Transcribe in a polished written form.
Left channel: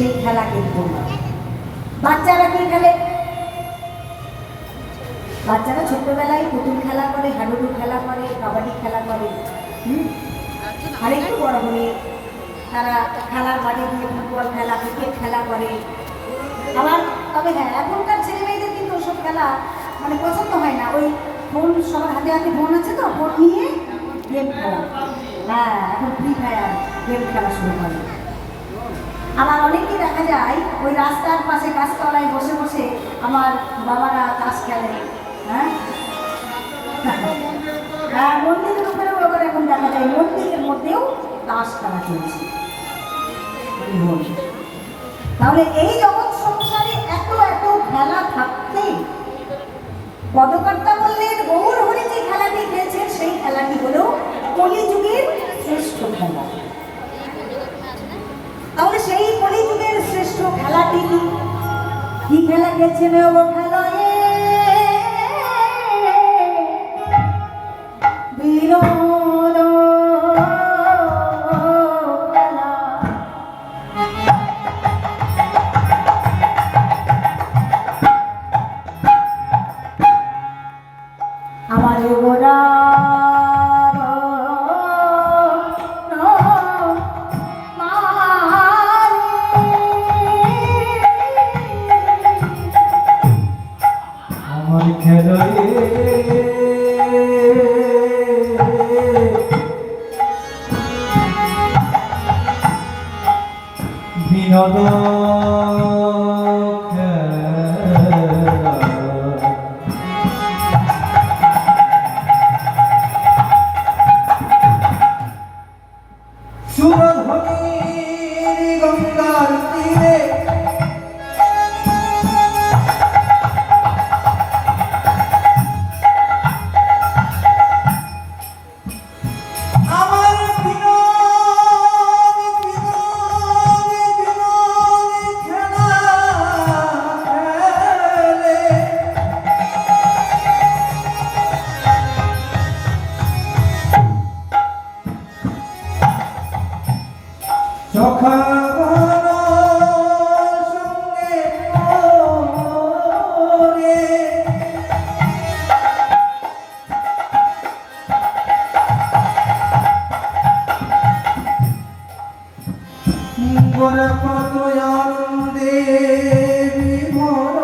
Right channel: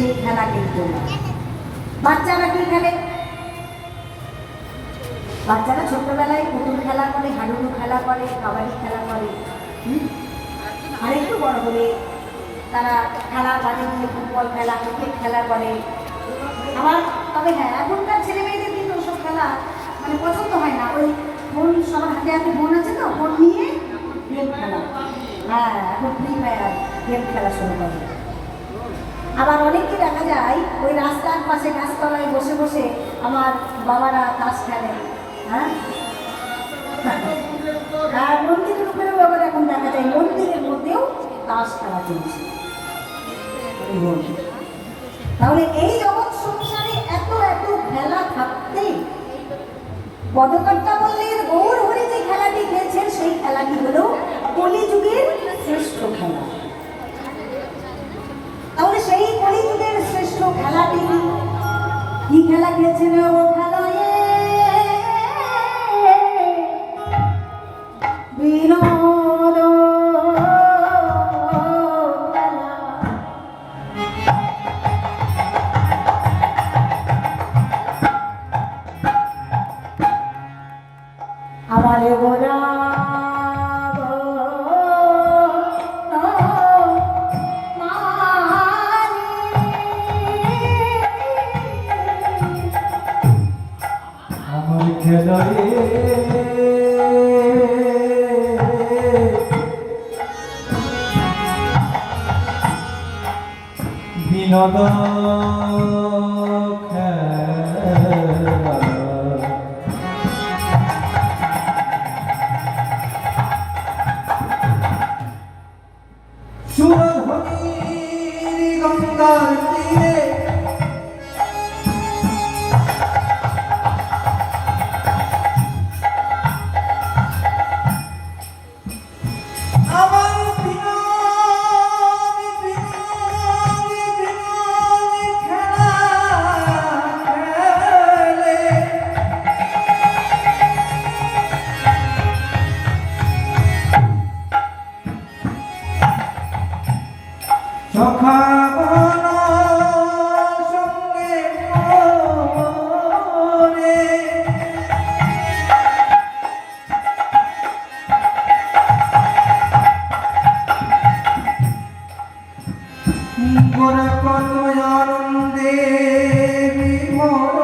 সেই খেলা কিন্তু বাচ্চারা কি খেলে? বাচ্চারা ছোট্টবেলায় পুতুল খেলা করে, হাডুডু খেলা করে, কাবাডি খেলা করে। আর একটু বড় হয়ে তারা খেলার মাঠে গিয়ে ফুটবল খেলা, ক্রিকেট খেলা করে। আবার তবে হ্যাঁ, এখনকার ছেলে মেয়েদের কিন্তু ওসব খেলা মানে পছন্দ হয় না। ওই ফোন, সবার হাতে হাতে ফোন আছে, তো ফোন নিয়ে গেম খেলা। হ্যাঁ, এখন ফ্রি ফায়ার গেম খেলা শুরু করে। আবার অনেককে দেখা যায় ওই রাস্তার পাশে গাছতলায় বসে বসে আমার বাবারা তাস খেলে। হ্যাঁ, মন্দিরের উপরেও আবার এখন দেখা যায় মন্দিরের মধ্যেও তাস খেলা চলছে। তাহলে এই জগৎ সংসারে এত এত খেলা থাকতে পদকর্তা বললেন গৌর হরি যে খেলাটি খেলছেন সেই খেলাটি হলো কলিযুগের শ্রেষ্ঠ খেলা। তাহলে সেই কলিযুগের শ্রেষ্ঠ খেলাটি কি খেলা খেলছেন? ও খেলায় বিনোদ আমার গোরা খেলায় বিনোদ সুরধ্বনির গঙ্গার তীরে কত আনন্দে বিমল